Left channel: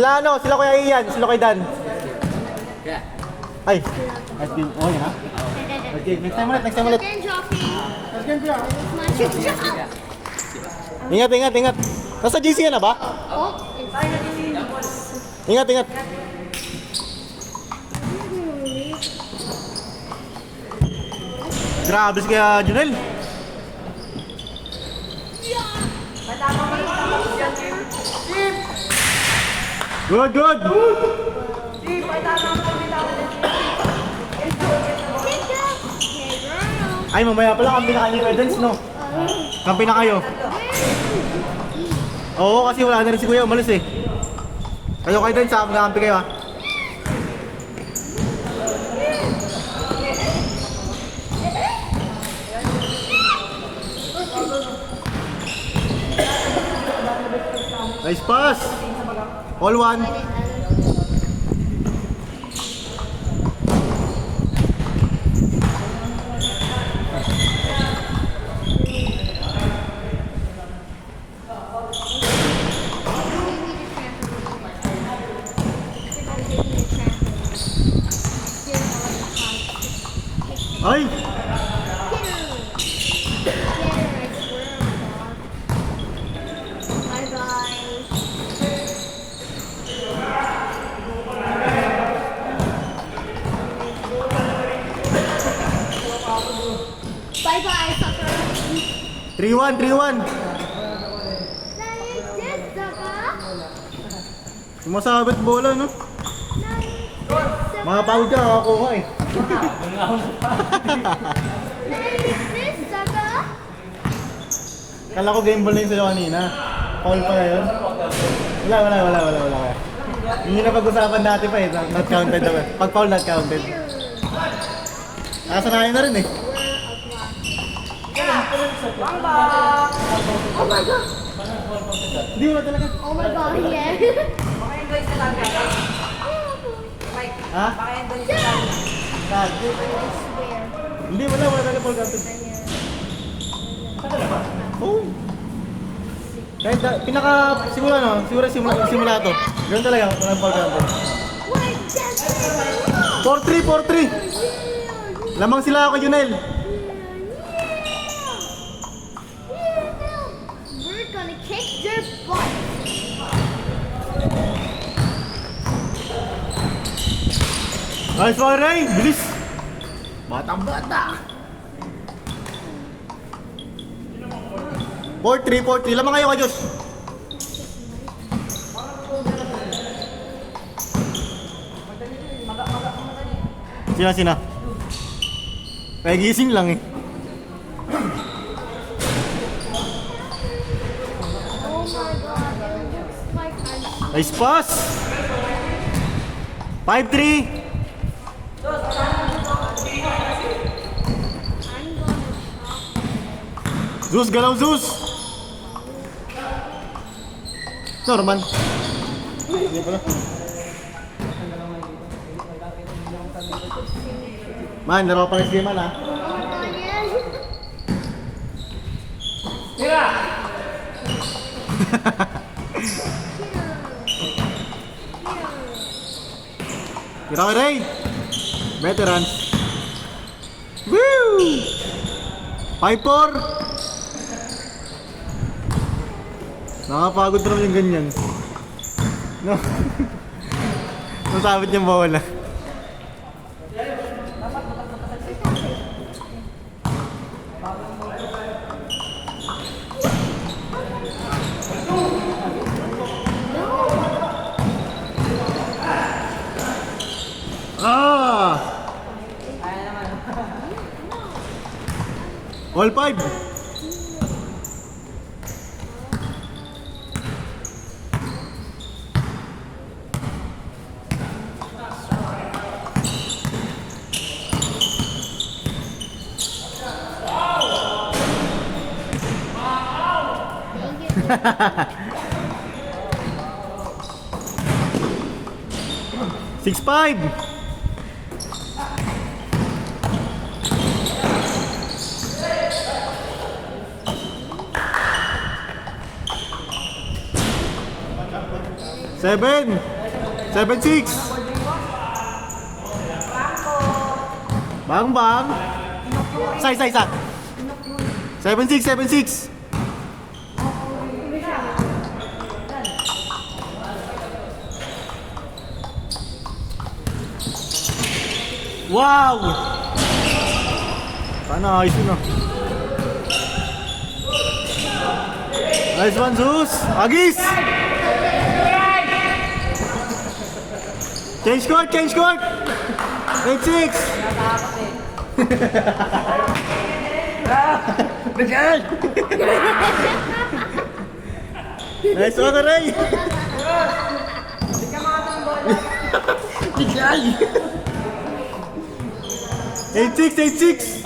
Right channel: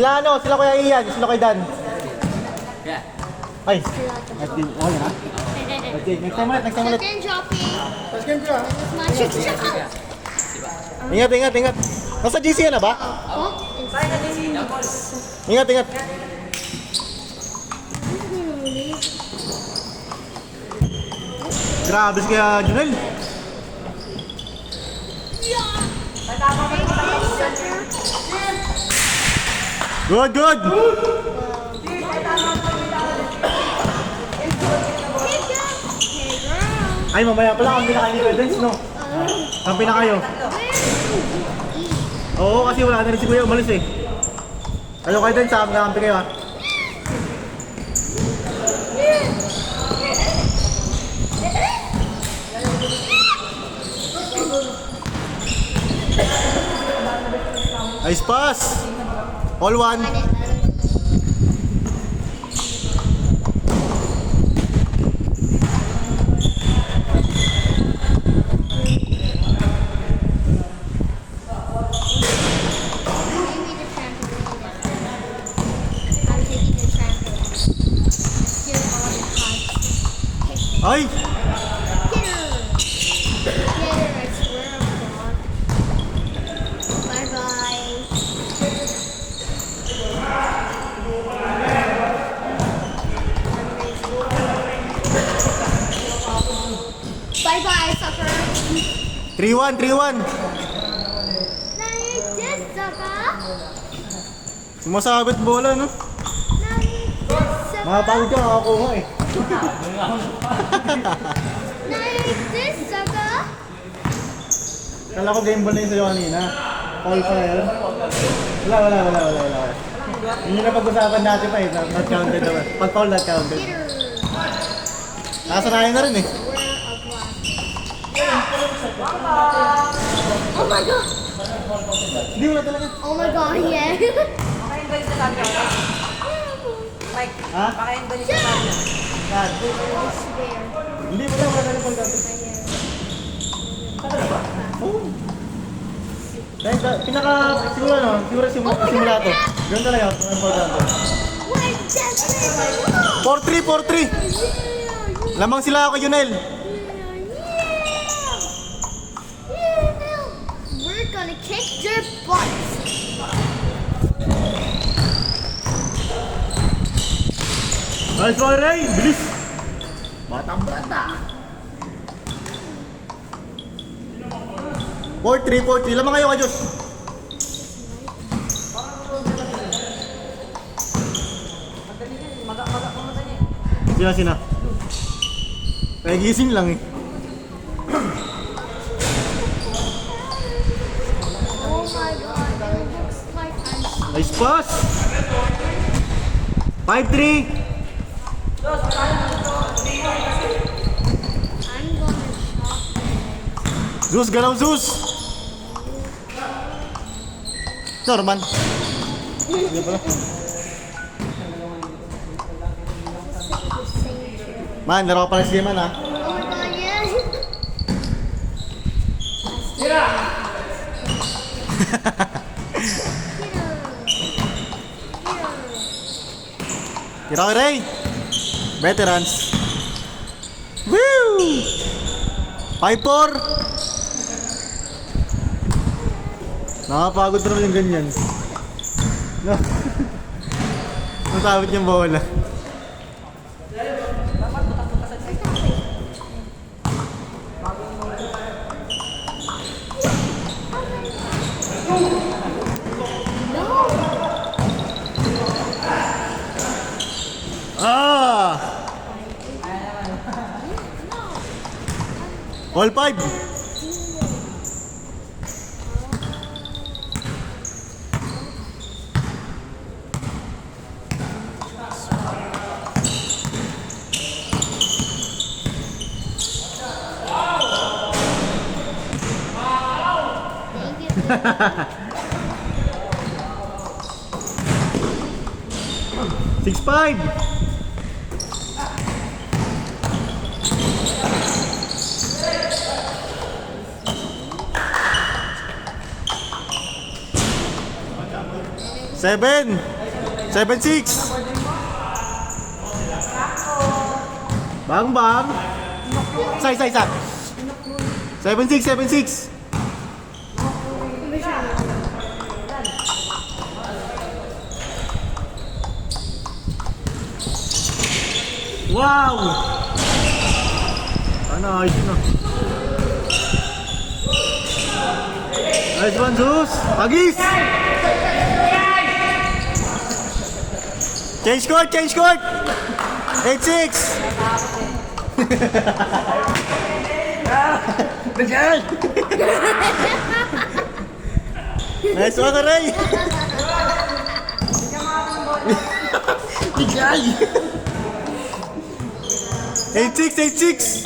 Sila Kuya Ian, sila Kuya Dan. Ay. Ay, oh, yan ha? Okay, next time ulit. Ingat. Nasa GC na ba? Ingat. Grabe kaya Junel. Good. Ay, mamaya pala kampi na kayo Dance, no? Kampi na kayo. Oo, kasi wala na rin si Kuya umalis eh. Kayo Dance, kampi kayo ha. Nice pass! All one. Ay! Bye-bye, sucker. 3-1. Sumasagot bola, no? Makapagod ka, nakakuha eh. Kala ko game ball na yun sa'yo kanina. Foul pa ngayon? Wala. Yun yung napag-usapan natin pa eh. Not counted naman. Pag foul, not counted. Nakasanayan na rin eh. Oh my God! Hindi mo na talaga. Oh my God, yeah. Pakain sa sabi ako. Mike, Ha? pakain ba niya sa sabi ako? Yan. Hindi, wala na foul counted. Oo. Kahit siguro simula to. Ganun talaga, walang foul counted. 4-3. Lamang sila ako, Junel. We're gonna kick their butts. Nice one, Ray! Bilis! Batang-bata! 4-3. Lamang kayo, Diyos! Sina? Kaya gising lang eh. Oh my God, it looks like I'm Nice pass! 5-3! gonna Zeus, galaw Zeus! Norman. Hindi pala. Man, laro pa rin si Man ha. Tira ko Ray! Veterans. Woo! 5-4! Nakapagod pa naman yung ganyan. No? Ang sabit yung bola. All 5. Six five. 7. 7-6. Bang bang. Sai. 7-6. 7-6. Wow! Ano, ayos yun ah. Nice one, Zeus! Agis! Change court! 8-6! Bigyan! Nice one, Aray! Bigyan! 8-6!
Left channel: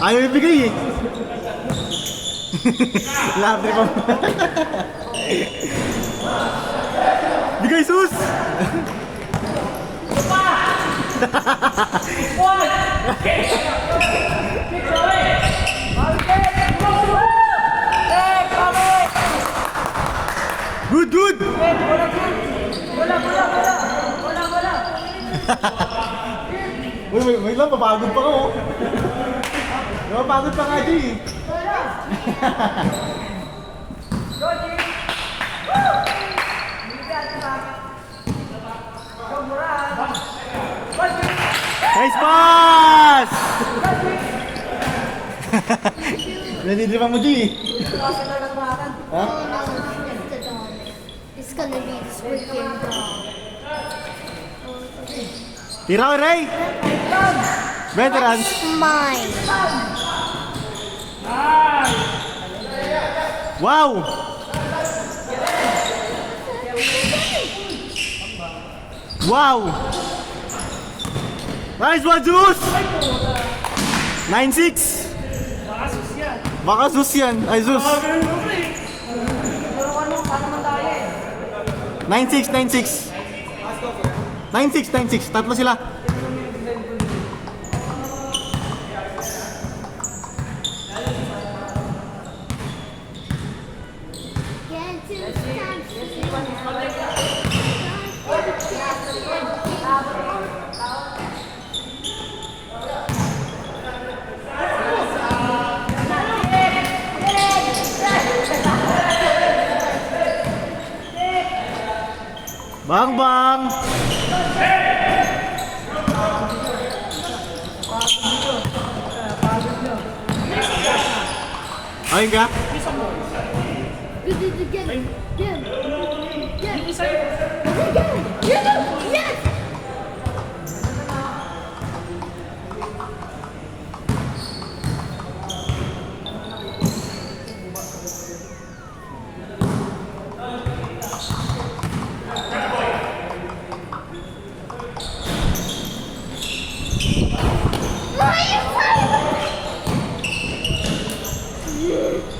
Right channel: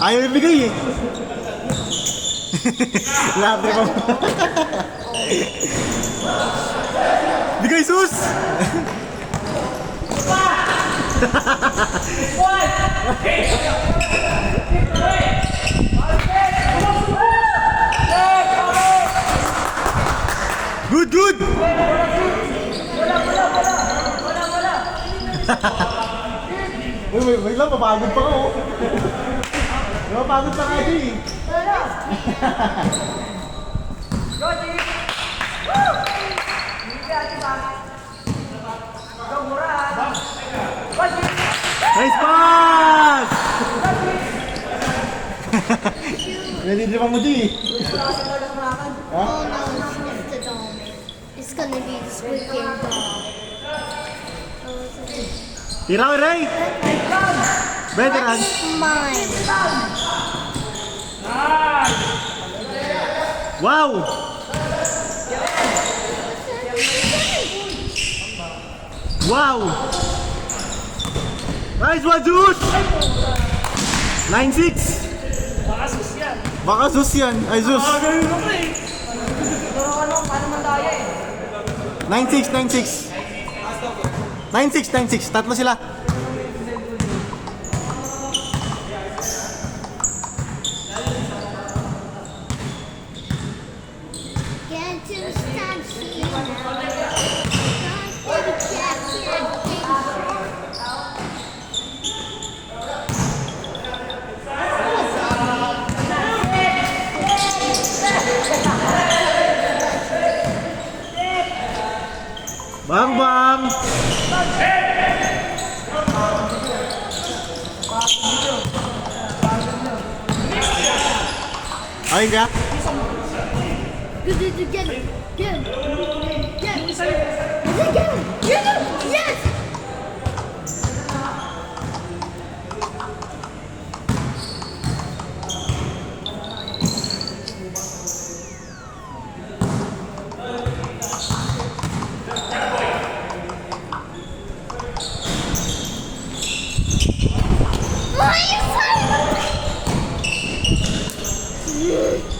Ayaw ibigay eh. Labre pa. Bigay sus! Good! Wait lang, mapagod pa ko. Mapagod ka nga di. Nice pass! Ready di pa mo di? Oh no, it's the dog. It's gonna be this weekend dog. Oh, Tira ko, Ray! Veteran! that's mine. Wow! Wow! Nice one, Zeus! 9-6! Baka Zeus yan. Ay, Zeus. Pero ano, paano man tayo eh? 9-6. 9-6. Tatlo sila. Can't you stand still? Bang bang! Ayun ka? Good, again. Yes!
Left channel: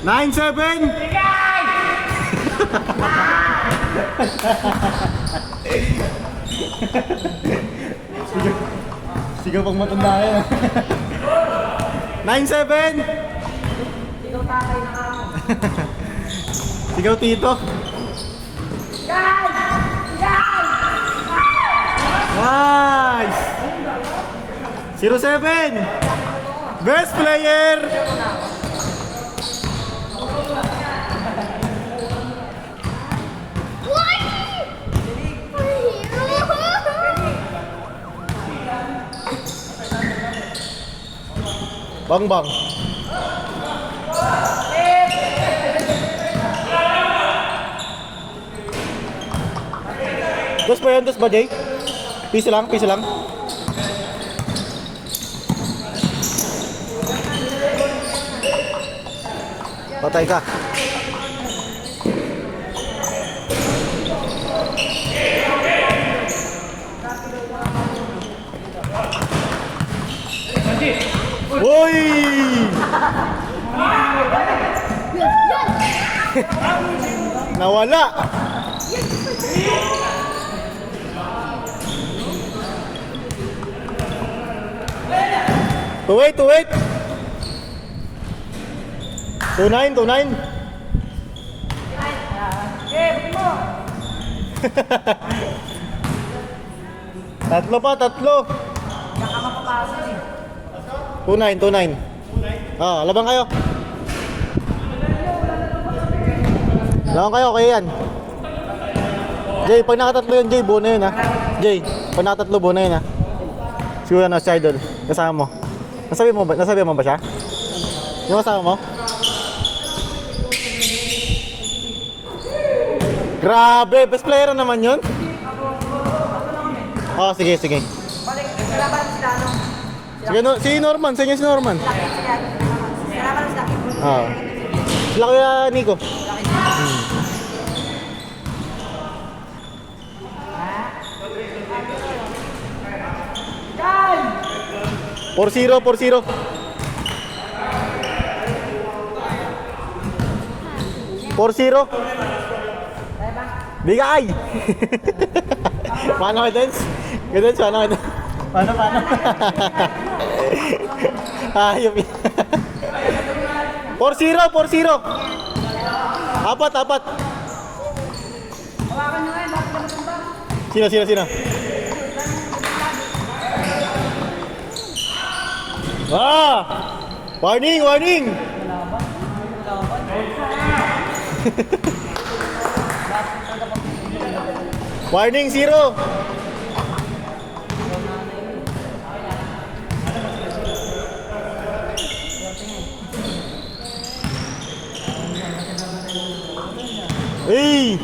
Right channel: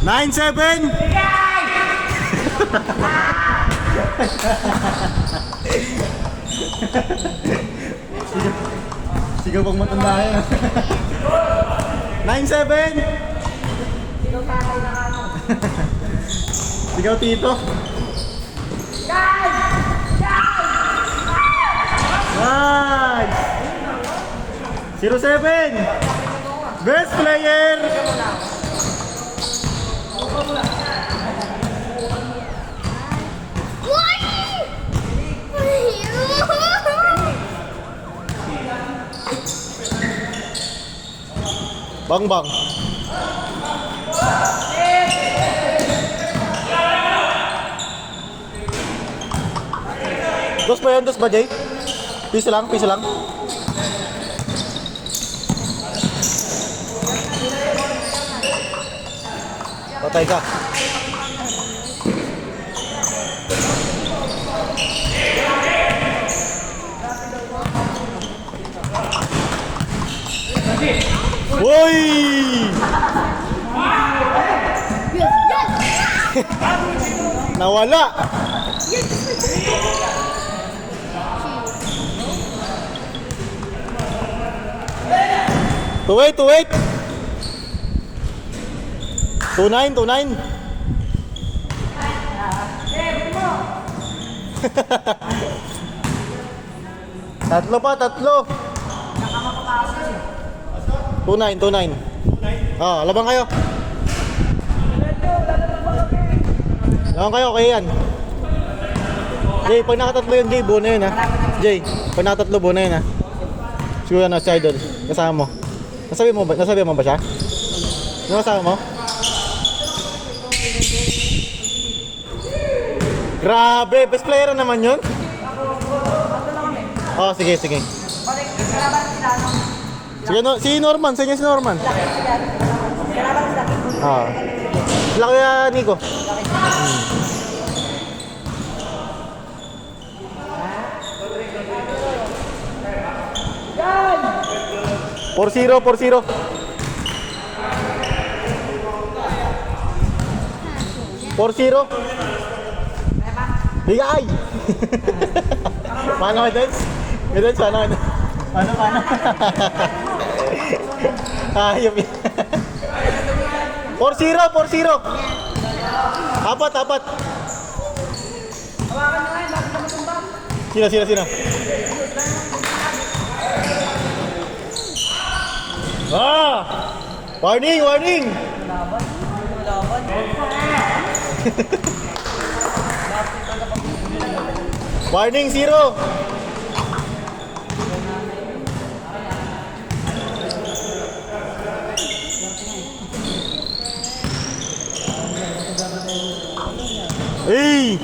Nine, 7! Sigaw pang matanda yan. 9-7! Sigaw tito. Nice! 0-7! Best player! Bang bang. Dos ba yun? Dos ba, Jay? Piso lang. Patay ka. Hoy! Nawala. Wait. 2-9. Tatlo pa, tatlo. 2-9, 2-9. Ah, labang kayo. Labang kayo, kaya yan. Jay, pag nakatatlo yun, Jay, buo na yun ha. Jay, pag nakatatlo, buo na yun ha. Siguro na si Idol, kasama mo. Nasabi mo ba siya? Yung kasama mo? Grabe, best player na naman yun. Oh, sige, sige. Sige, no, si Norman, sa inyo si Norman. Ah. Sila kaya Nico. 4-0, 4-0. Bigay! Paano ka, Dens? Dens, paano ka? Paano? Ayop yan. 4-0, 4-0. Apat. Hawakan nyo ngayon, bakit na matumbang? Sino? Ah! Warning! Warning, 0. Hey!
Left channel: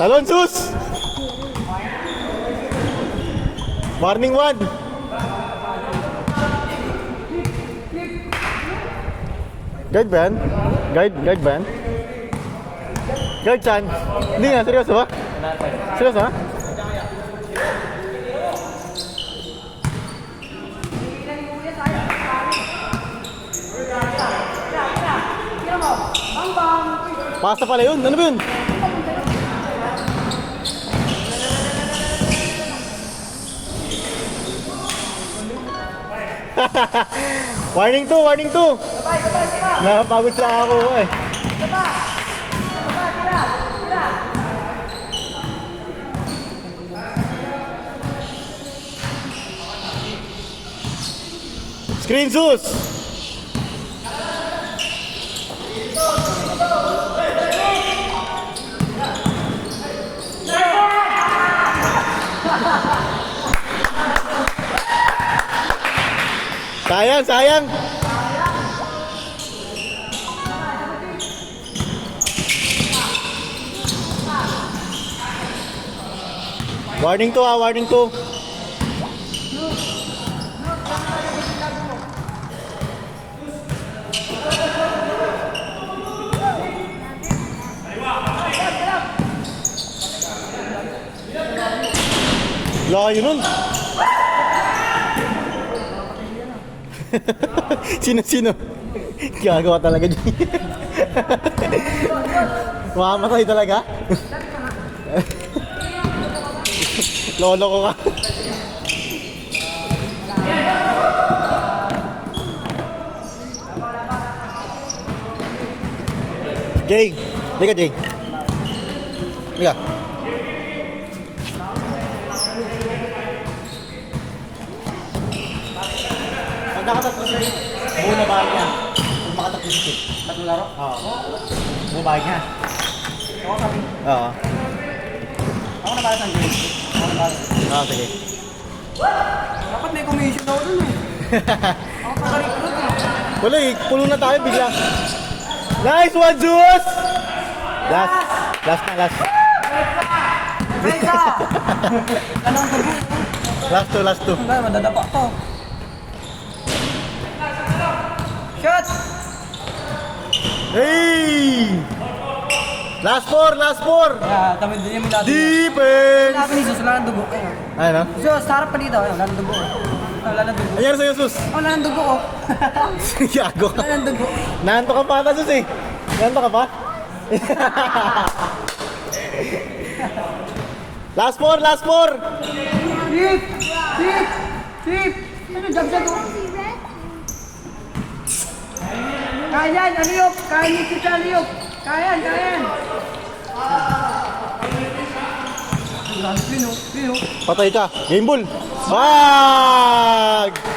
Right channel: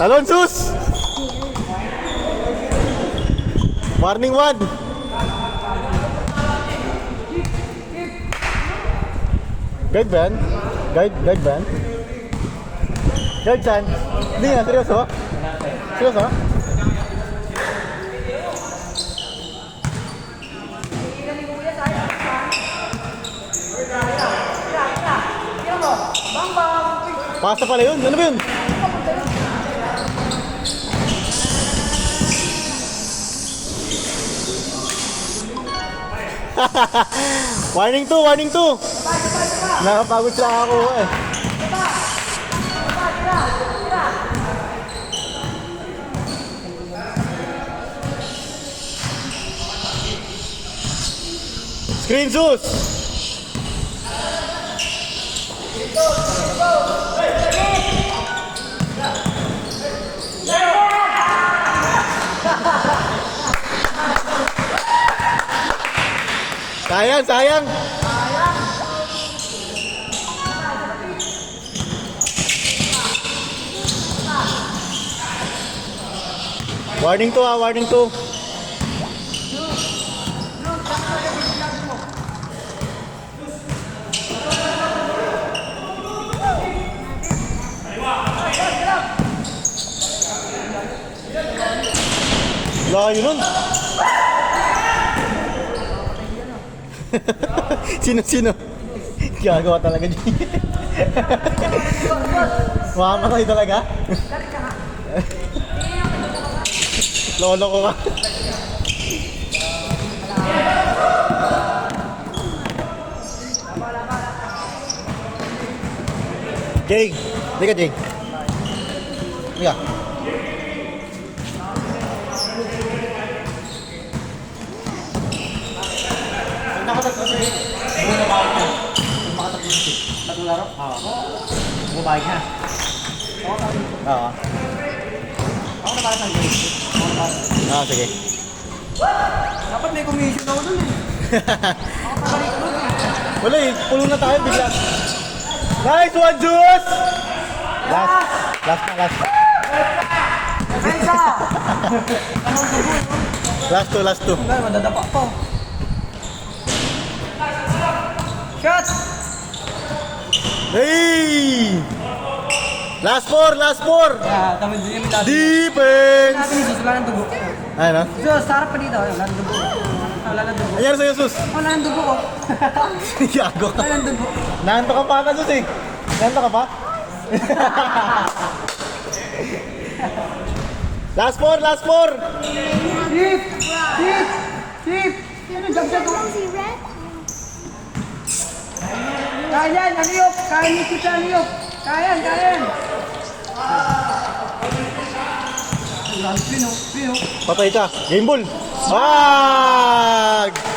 Talon, sus! Warning 1. Guide ban? Guide ban? Guide Chan? Hindi na, seryoso ba? Seryoso ba? Tira mo. Bang. Pasa pala yun, ano ba yun? Warning 2. Nakapagod sila ako eh. Tira. Screen sus! Sayang. Warning 2. Layo nun. Sino? Gagawa talaga dyan. Makamatay talaga. Lolo ko ka. Jay, liga Jay. Liga. Nakatatlo siya yun. Bumabay niya. Nakatatlo siya. Tatlong laro? Oo. Bumabay niya. Oo. Ako na para sa game. Oo, sige. Dapat may commission ako dun eh. Ako pabalik dun eh. Wala eh, pulo na tayo bigla. Nice one, Juice! Last. Last two. Wala, madadapa po. Shot! Hey! Last four! Kami din yung lagi. Defense! Sabi ni Sus, wala nang dugo ko. Ayun na. Sus, sarap pa dito. Wala nang dugo ko. Nangyari sa'yo, Sus? Wala nang dugo ko. Yago. Wala nang dugo. Nanto ka pa ata, Sus eh. Nanto ka pa? Last four! Hip! Ano dagdag ko? Si Red? Kaya yan, aliyok. Kaya niyo siya aliyok. Kaya yan. Patay ka. Game ball. Wag!